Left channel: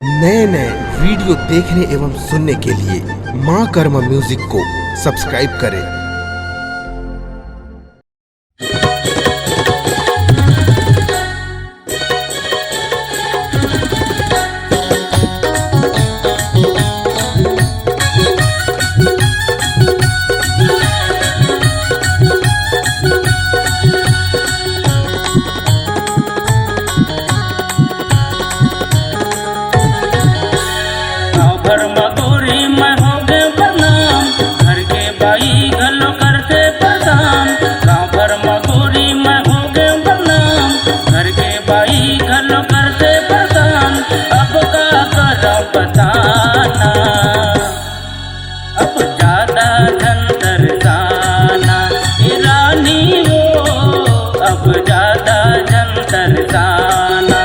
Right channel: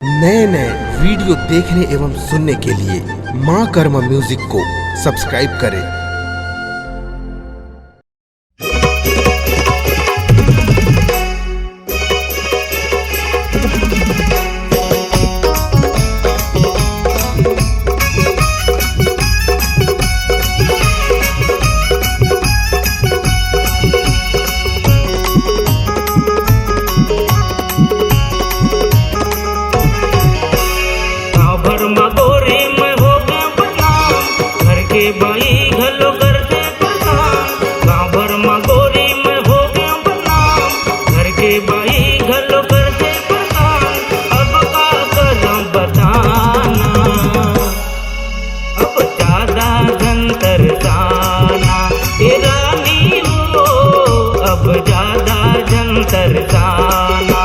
नए नए वीडियो देखने एवं सुनने के लिए माँ कर्मा म्यूजिक को सब्सक्राइब करें। भर मगोरी मैं हो गए बदनाम, घर के बाई घलो करते प्रदान। गाँव भर मगोरी मैं हो गए बदनाम, घर के बाई घलो करते प्रदान। अब का कदम बताना, अब ज्यादा झंतर जाना रानी वो, अब ज्यादा झंतर जाना।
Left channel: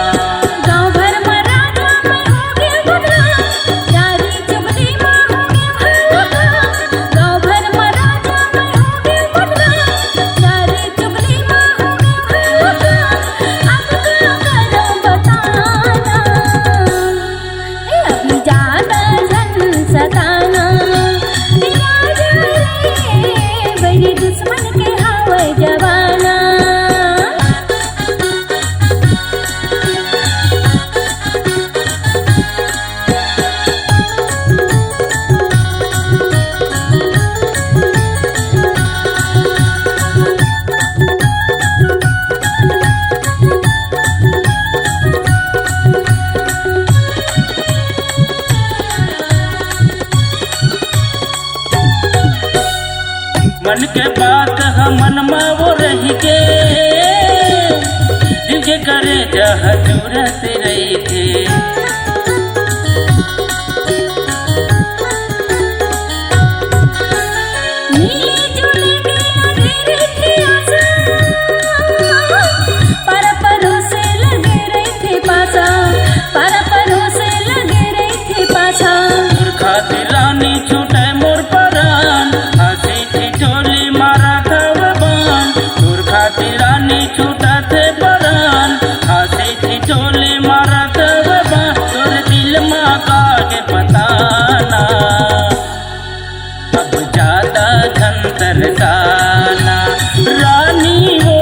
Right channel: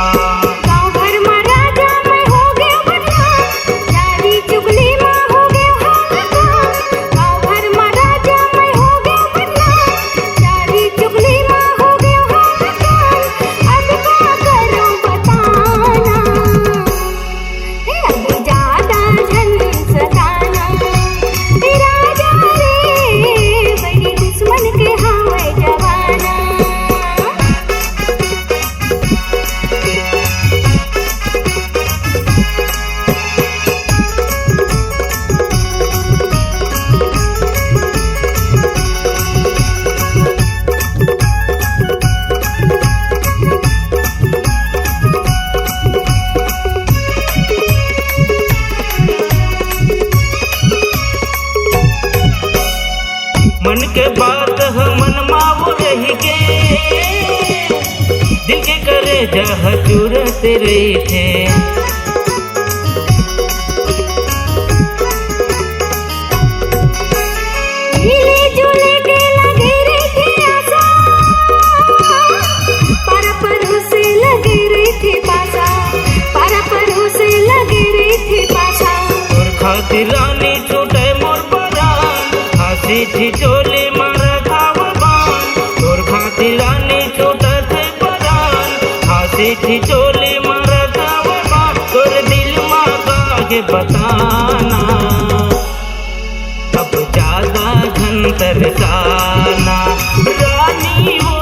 मन के बात हमन मावो रही के, दिल के करे जह चूरत रही थे। मिले जुले के लगे रही थे आशा, पारा परो से लगे रही थे पासा, पारा परो से लगे रही थे पासा। तोर खातिर रानी छूटे मोर परान, हंसी ठिठोली मारा था वो बान। तोर खातिर रानी छूटा थे परान, हंसी ठिठोली मारा था वो बान। तोर दिल माँ काहे बताना, अब ज्यादा झंतर जाना रानी वो,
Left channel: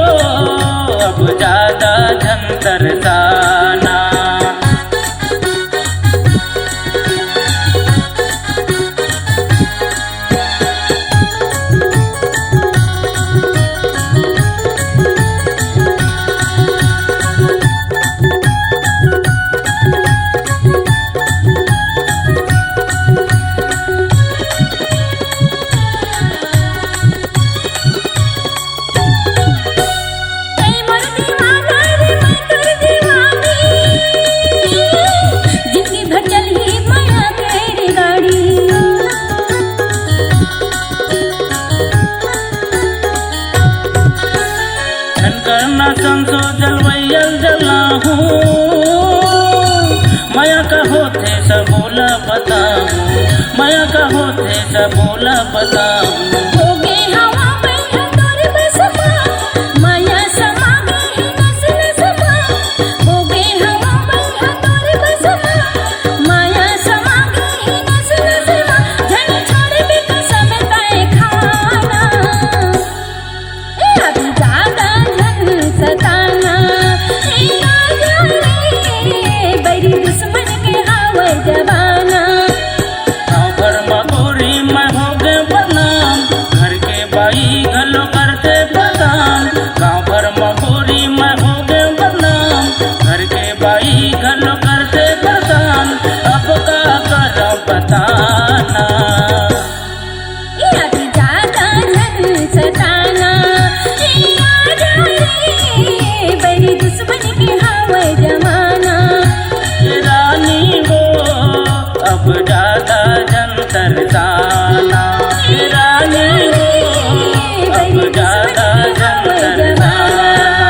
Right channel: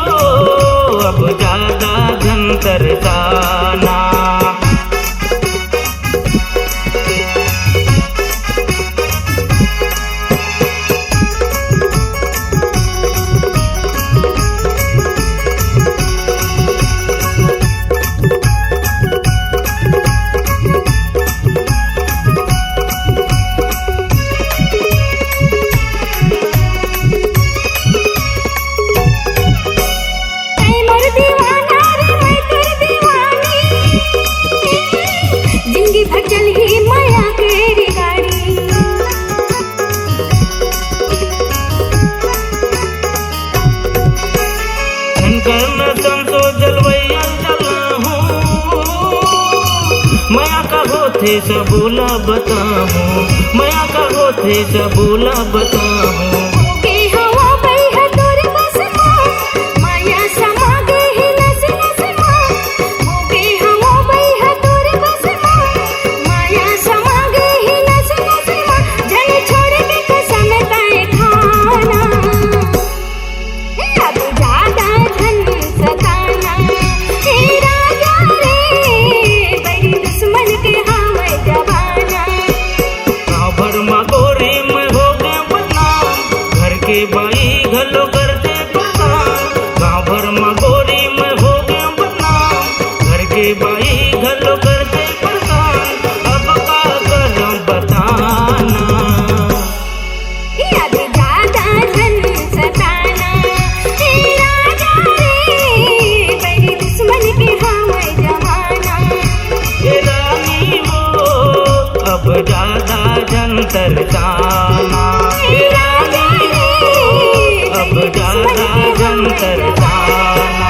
अब ज्यादा झंतर जाना। संसो जलवैयल जला हूँ, माया का होते सबोला बताऊँ, माया का होते सबोला बताऊँ। मगोरी मैं हो गए बदनाम, घर के बाई घलो करते प्रदान। गाँव भर मगोरी मैं हो गए बदनाम, घर के बाई घलो करते प्रदान। अब का करम बताना, अभी ज्यादा झन सताना राजा रे, बड़ी दुश्मन के हावे जमाना। रानी वो, अब ज्यादा झंतर जाना रानी वो, अब ज्यादा झंतर जाना।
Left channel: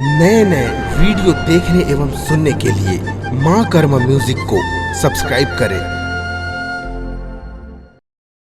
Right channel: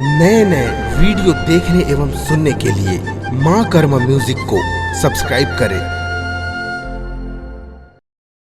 नए नए वीडियो देखने एवं सुनने के लिए माँ कर्मा म्यूजिक को सब्सक्राइब करें।